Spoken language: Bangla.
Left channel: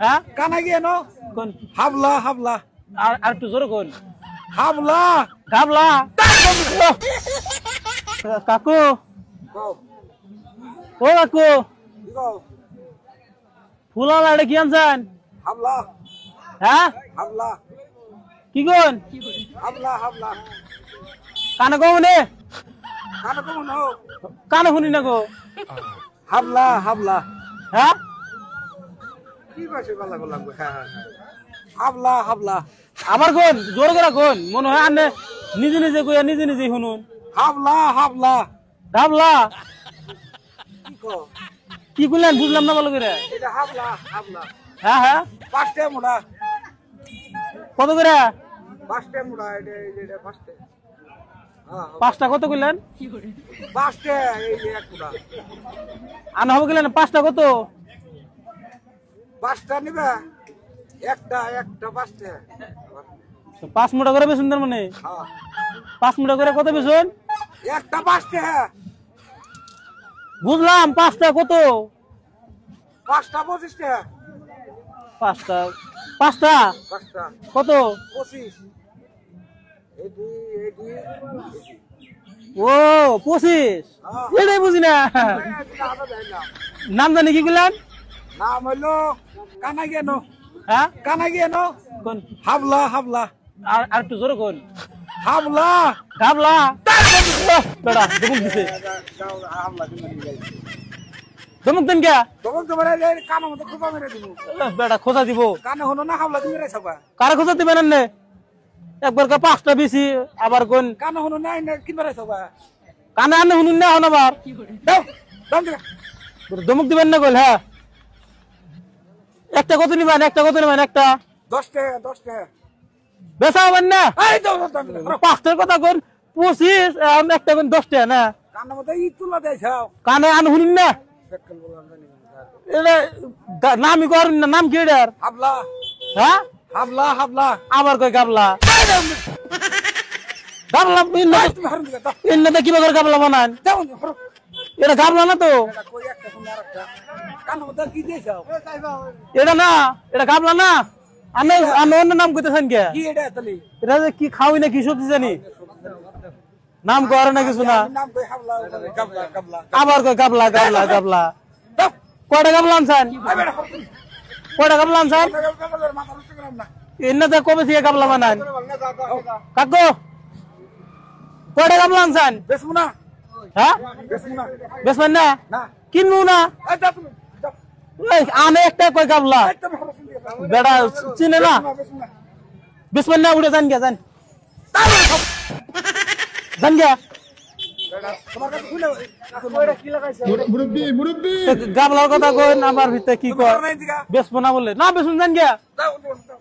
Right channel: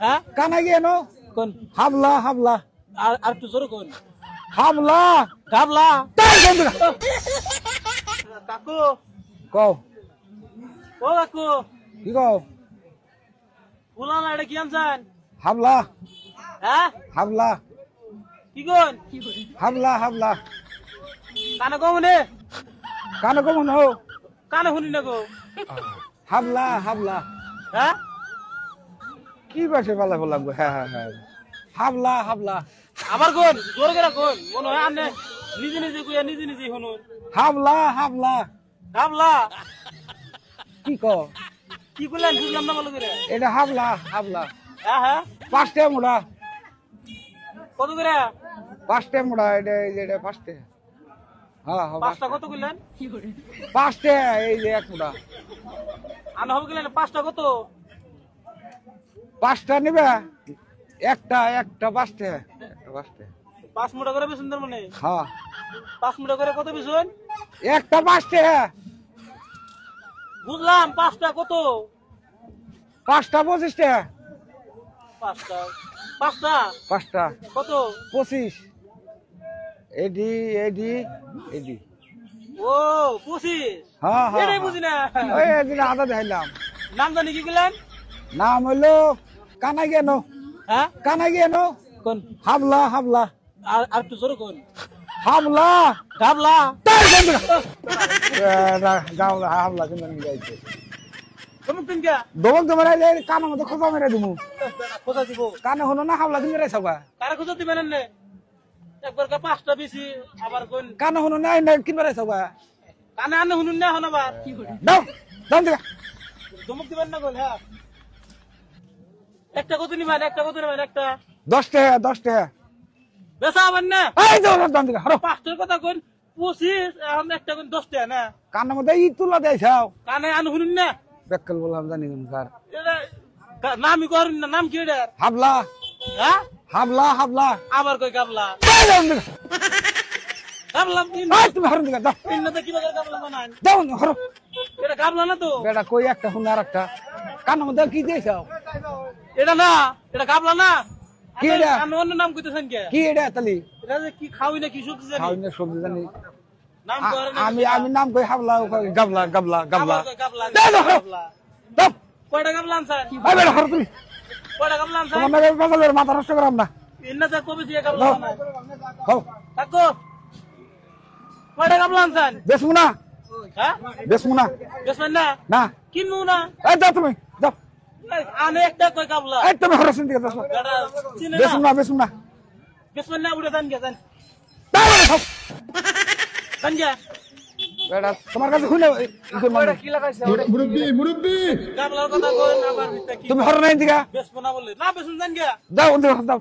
হ্যাঁ কানা গিয়ে নো কোন হাবলা হাবলা আর একটু জোরে কোন হাবলা গাবলা কাকু কও ও কাকু কি কও ফুলা লাড়ে কি আনছেন হাবলা হ্যাঁ হাবলা কি কোন হাবলা হাবলা কানে কমনে কানা কমন হো কানে শুনি না গো হাবলা হাবলা হ্যাঁ কি বাসে বলা বললাম হ্যাঁ হ্যাঁ হ্যাঁ হাবলা হাবলা আমার কোন জোরে করে কোন মনে হয় আনে নিজে নিজে কইয়া নিজে নিজে শুনুন হাবলা হাবলা গাবলা কি কও কি কইলেন বুঝলাম না ভালো করে এটা হাবলা হাবলা হ্যাঁ হ্যাঁ পাঁচটা মুড়া কত করে পাঁচটা মুড়া এটা পাঁচটা হ্যাঁ পাঁচটা কত কইলেন পাঁচটা এই যে এক মুড়া আনা হবে গেলেন পাঁচটা কত পাঁচটা নিবে একটা একটা পাঁচটা পাঁচটা পাঁচ মুঠা করে বেসুন তার মানে হ্যাঁ 5 মুঠা করে কত বেসুন একটা পাঁচটা বুঝলাম পাঁচটা কত পাঁচটা 25টা পাঁচটা পাঁচটা পাঁচটা কত 25 এডি এডি এডি ও 25 হ্যাঁ এটাই বুঝি না ওই এদিকে আদা দিলাম নাম জানি কি বললেন নাম হলো কানা গেনো হ্যাঁ কানা গেনো কোন হাবলা হাবলা আর একটু জোরে কোন হাবলা গাবলা গাবলা হাবলা দমক দেন কে দোল তো বড় কানা মতো খোঁজা মেরে দিমু বেটা খোঁজা দিব কানে হনো না হাবলা তুমি রে সবা কারে খোঁজা দিবেন না একবার কা পাঁচটা বেশি আবার কোন কানে হনো না না কিনবে রে সবা কানে আনে শুনুন না হন আবার দাও দাও দে দমক দিবেন না কইল হ্যাঁ একটা কত নিবেন একটা 10 টাকা 10 টাকা বেচা হবেন না এই দাও দাও দে আরে পাঁচটার কথা কোন 25 আর একটা কোন 10 টাকা না কানে মধ্যে ই তুলা দেখাও কানে আনে শুনুন না বেকল বললাম জানি না স্যার এটা নামই করেন না নাম কি এটার হাবলা হ্যাঁ হাবলা হাবলা আমার কই গাবলা গাবলা তুমি হরন দিগা দাও ইন্নাতে কিভাবে করে গাবলা বানান দাও হরো এটা গাবলা না তো এটা কই একটা হুন আর একটা কানে মধ্যে কি দেখাও এটা না এটা গাবলা না আমি আমি অন্য নাম কইতেছেন কে কি এটা তালি এটা যে কি খাওই না কি সবজি জানি সবজি জানি নাম করে না কিছু না আমি নাম কই হাবলা গাবলা গাবলা আবার কই গাবলা গাবলা গাবলা দাও কয়টা গাবলা আনছেন আবে হরো তুমি কয়টা গাবলা আনছেন আমাদের পাগলের মাথা নষ্ট করাম না ইন্নাতে কবে থেকে গাবলা বানান হও কাকু কয়টা গাবলা আনছেন বেসমু না হ্যাঁ বেসমু না বেসবেন না না কিনবো না এই দাও তুমি দাও এই, আনে একটা কই গাবলা এই তুমি হরো সিন দিগা দাও বেড়া চিনে না বেসমু না বেসবেন না উড়ে যান গে যান যান গে বেটা তোমার কাছে খুলে কইরা কি লাগাইছে মুরব্বি মুরব্বি গাবলার কথা কই আমার ভিতরে কি তুমি হরো নাই দিগা বেসবো না বলে না বেসুন যান গে দাও দাও